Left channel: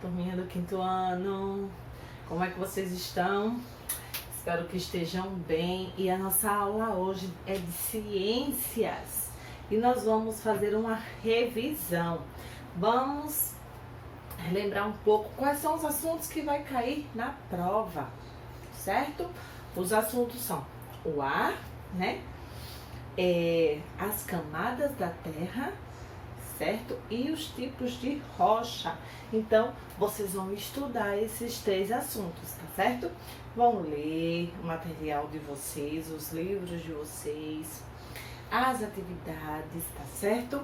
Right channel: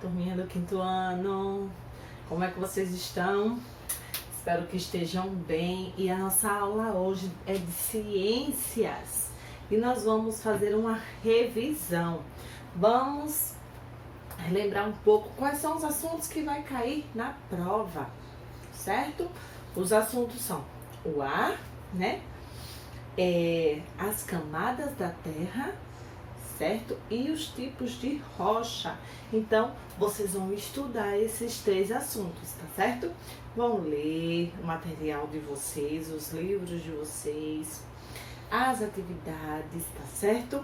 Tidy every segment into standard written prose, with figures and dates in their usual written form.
turminha do quinto ano, como é que vocês estão? Espero que estejam bem. E a nossa aula hoje é de ciências e nós vamos fazer uma revisão. Vamos relembrar um pouco quais são os assuntos que vai cair na prova, certo? Os assuntos são o ar, né? As camadas da Terra, certo? E os tipos de rocha. Então, vocês vão estudar esses três assuntos, tá certo? Vão ler o material de vocês, os livros de vocês, as atividades, tá certo?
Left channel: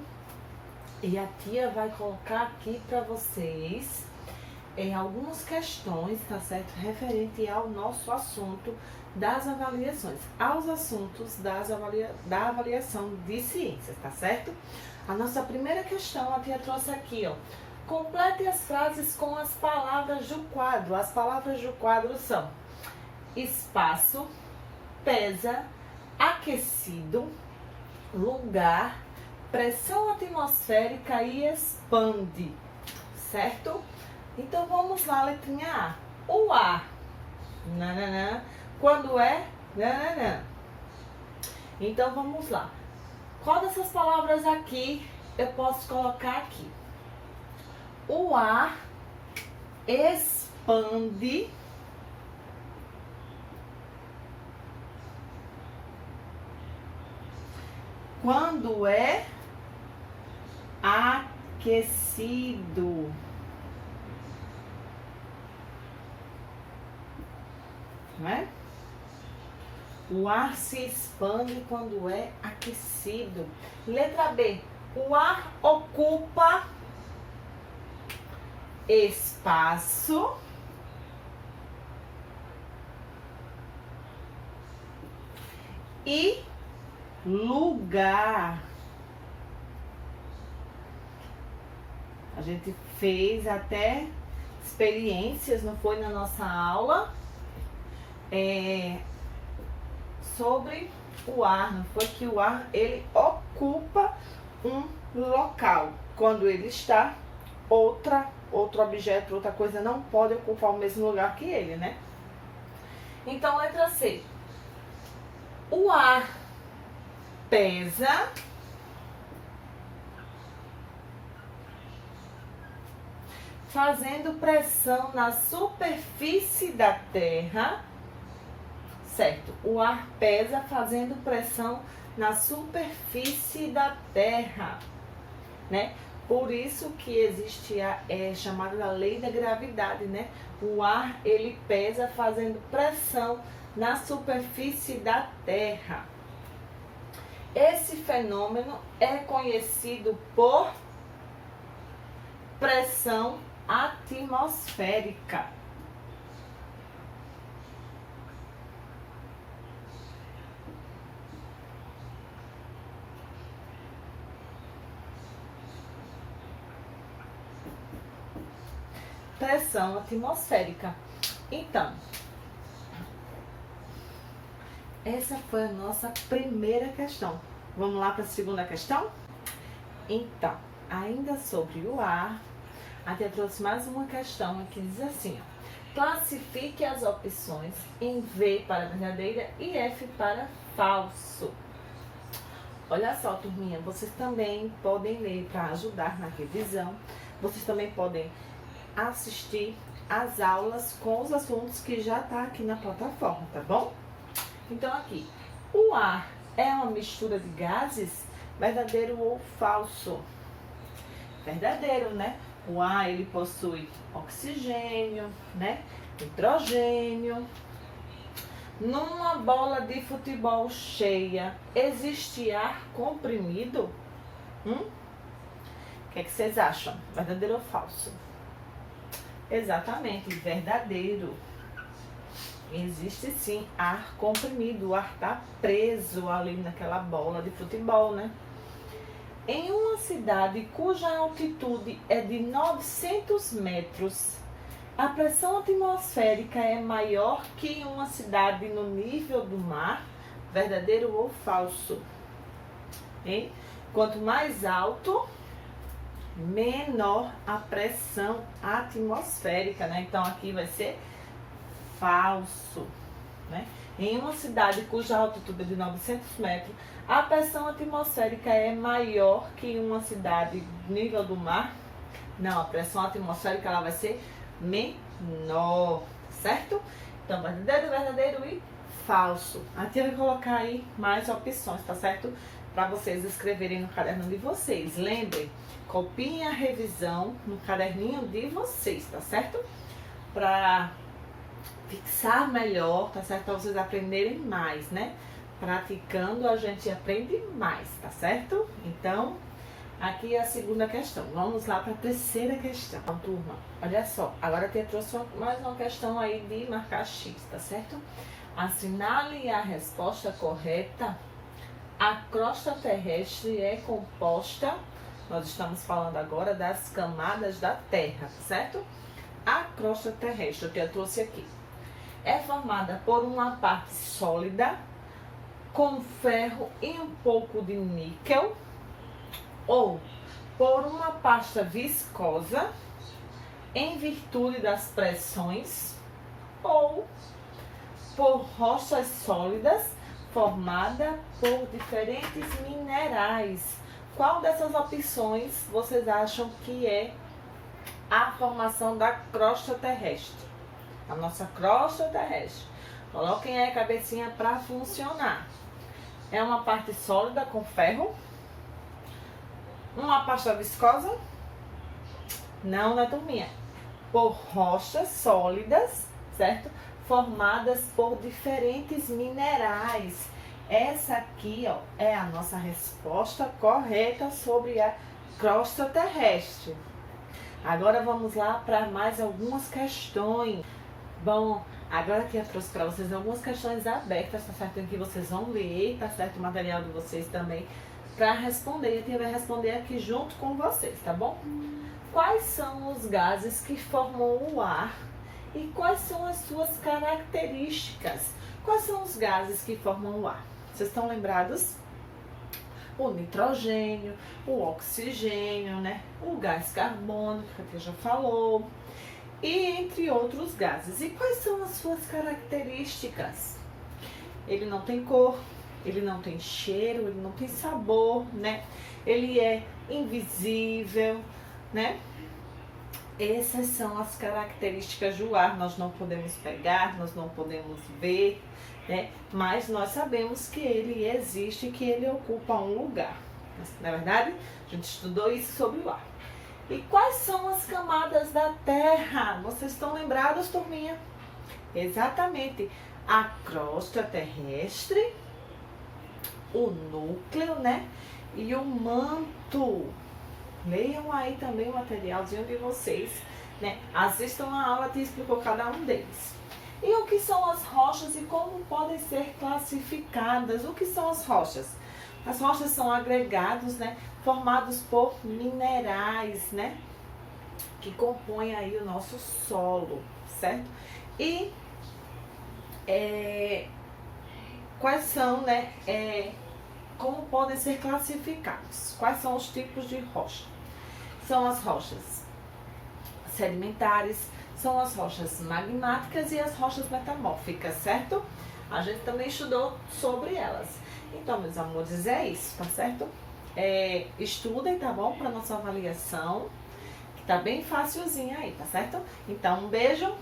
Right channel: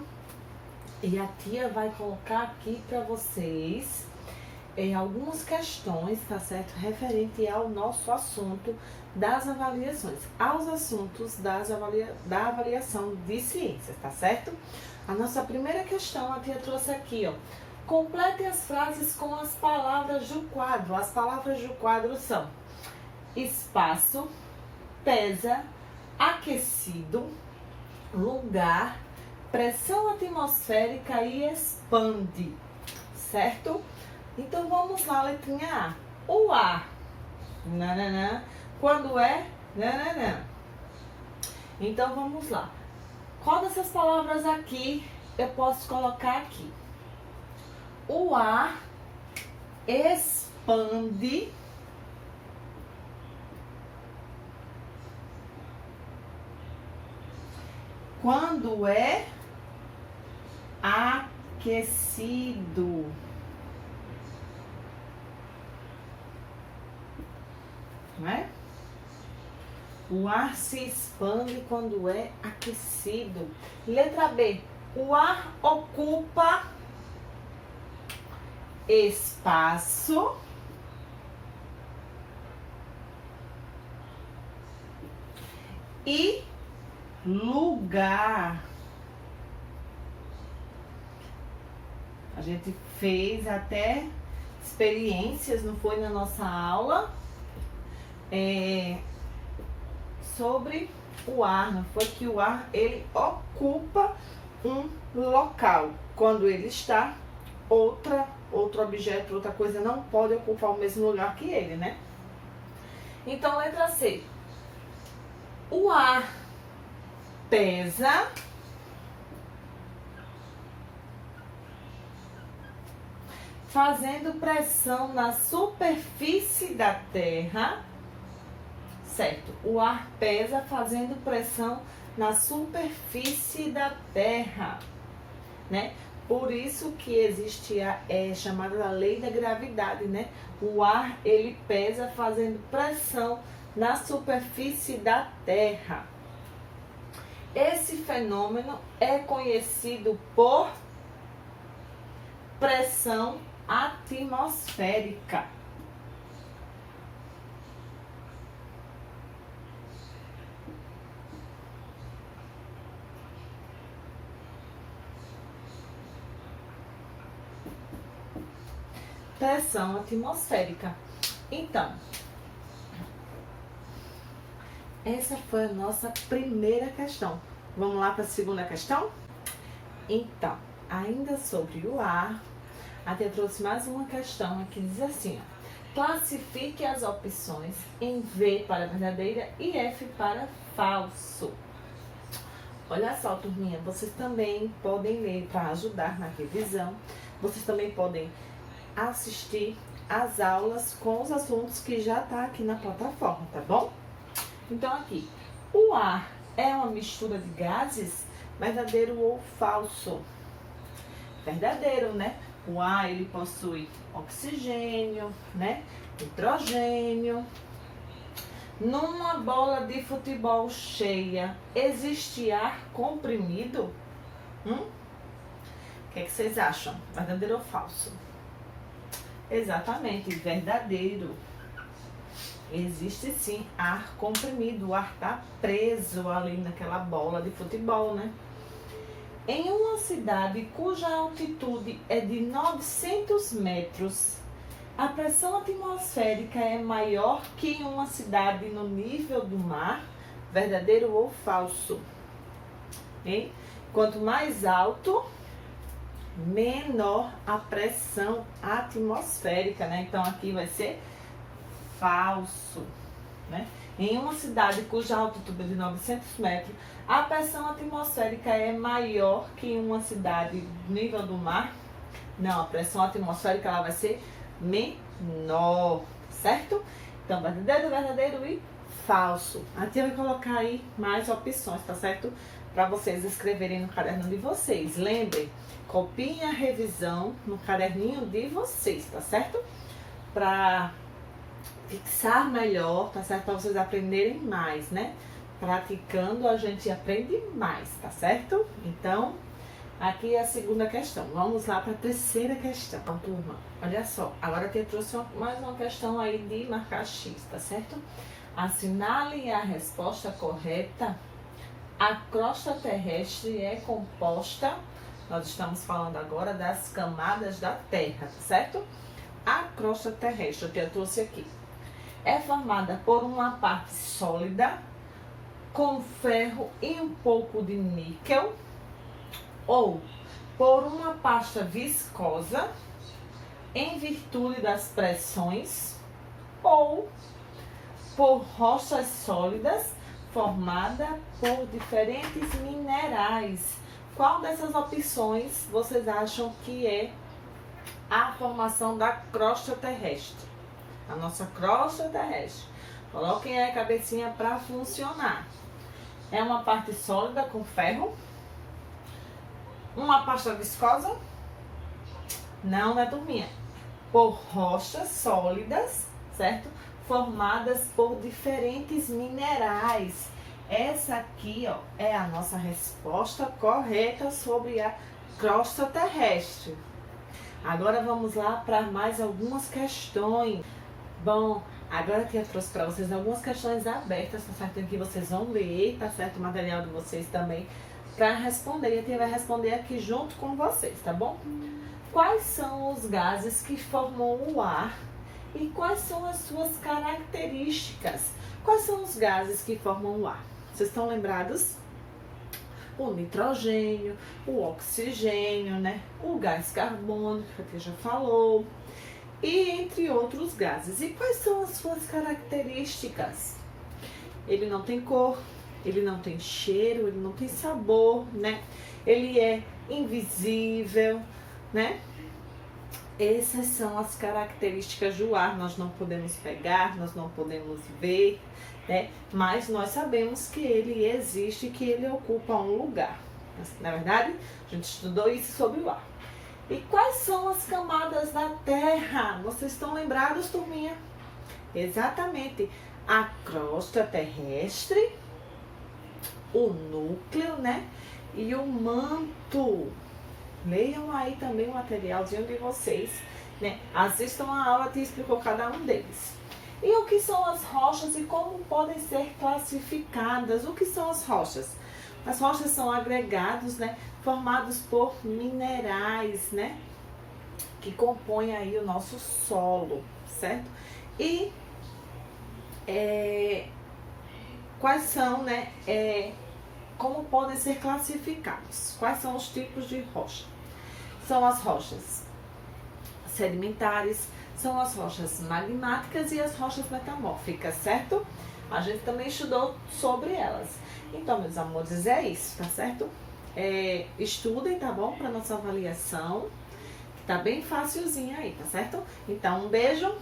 E a tia vai colocar aqui para vocês algumas questões, tá certo? Referente ao nosso assunto das avaliações, aos assuntos da avaliação de ciências, tá certo? A nossa primeira questão, a tia trouxe aqui, ó. Complete as frases com as palavras do quadro. As palavras do quadro são espaço, pesa, aquecido, lugar, pressão atmosférica e expande, certo? Então vamos lá, letrinha A. O ar, nananã, quando é nananã. Então vamos lá. Qual dessas palavras aqui eu posso colocar aqui? O ar expande quando é aquecido. Não é? O ar se expande quando é aquecido. Letra B. O ar ocupa espaço e lugar. A gente fez até experiências, não foi, na nossa aula, sobre o ar, não foi? Que o ar, ele ocupa um local. Quando ele está, outro objeto, outra coisa não pode ocupar o mesmo lugar que ele, né? Então, letra C. O ar pesa fazendo pressão na superfície da Terra, certo? O ar pesa fazendo pressão na superfície da Terra, né? Por isso que existe a chamada da lei da gravidade, né? O ar, ele pesa fazendo pressão na superfície da Terra. Esse fenômeno é conhecido por pressão atmosférica. Pressão atmosférica. Então, essa foi a nossa primeira questão. Vamos lá para a segunda questão? Então, ainda sobre o ar, a tia trouxe mais uma questão que diz assim, ó. Classifique as opções em V para verdadeira e F para falso. Olha só, turminha, vocês também podem ler para ajudar na revisão. Vocês também podem assistir as aulas com os assuntos que já tá aqui na plataforma, tá bom? Então aqui, o ar é uma mistura de gases, verdadeiro ou falso? Verdadeiro, né? O ar, ele possui oxigênio, né? Hidrogênio. Numa bola de futebol cheia, existe ar comprimido? O que é que vocês acham? Verdadeiro ou falso? Exatamente, verdadeiro. Existe sim ar comprimido, o ar está preso ali naquela bola de futebol, né? Em uma cidade cuja altitude é de 900 metros, a pressão atmosférica é maior que em uma cidade no nível do mar? Verdadeiro ou falso? Hein? Quanto mais alto, menor a pressão atmosférica, né? Então aqui vai ser falso, né? Em uma cidade cuja altitude é de 900 metros, a pressão atmosférica é maior que em uma cidade nível do mar. Não, a pressão atmosférica ela vai ser menor, certo? Então, verdadeiro e falso. Aqui eu vou colocar aí mais opções, tá certo? Para vocês escreverem no caderno de vocês. Lembrem, copiem a revisão no caderninho de vocês, tá certo? Para fixar melhor, tá certo? Para vocês aprenderem mais, né? Praticando a gente aprende mais, tá certo? Então, aqui é a segunda questão. Vamos lá para a terceira questão. Então, turma, olha só. Agora eu trouxe mais uma questão aí de marcar X, tá certo? Assinale a resposta correta. A crosta terrestre é composta, nós estamos falando agora das camadas da Terra, certo? A crosta terrestre, que eu trouxe aqui, é formada por uma parte sólida, com ferro e um pouco de níquel, ou por uma pasta viscosa, em virtude das pressões, ou por rochas sólidas, formada por diferentes minerais. Qual dessas opções vocês acham que é a formação da crosta terrestre? A nossa crosta terrestre. Coloquem aí a cabecinha para funcionar. É uma parte sólida com ferro? Uma pasta viscosa? Não, né, turminha? Por rochas sólidas, certo? Formadas por diferentes minerais. Essa aqui, ó, é a nossa resposta correta sobre a crosta terrestre. Agora vamos lá para mais algumas questões. Bom, agora que eu trouxe para vocês algumas questões abertas, tá certo? Que vocês vão ler, tá certo? O material de vocês também para responder. E a tia vai responder aqui junto com vocês, tá bom? Quais são os gases que formam o ar? E quais são as suas características? Quais são os gases que formam o ar? Vocês estão lembrados? O nitrogênio, o oxigênio, né? O gás carbônico, que a tia já falou. E entre outros gases. E quais são as suas características? Ele não tem cor, ele não tem cheiro, ele não tem sabor, né? Ele é invisível, né? Essas são as características do ar. Nós não podemos pegar, nós não podemos ver, né? Mas nós sabemos que ele existe, que ele ocupa um lugar. Na verdade, a gente estudou isso sobre o ar. E quais são as camadas da Terra? Vocês estão lembrados, turminha? Exatamente. A crosta terrestre, o núcleo, né? E o manto. Leiam aí também o materialzinho de vocês, né? Assistam a aula que explicou cada um deles. E o que são as rochas e como podem ser classificadas? O que são as rochas? As rochas são agregados, né? Formados por minerais, né? Que compõem aí o nosso solo, certo? E quais são, né? Como podem ser classificados? Quais são os tipos de rocha? São as rochas sedimentares, são as rochas magmáticas e as rochas metamórficas, certo? A gente também estudou sobre elas. Então, meus amores, é isso, tá certo? Estudem, tá bom? Para nossa avaliação, que tá bem facilzinha aí, tá certo? Então, um beijo,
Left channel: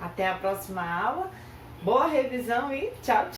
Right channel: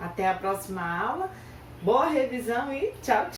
até a próxima aula, boa revisão e tchau, tchau!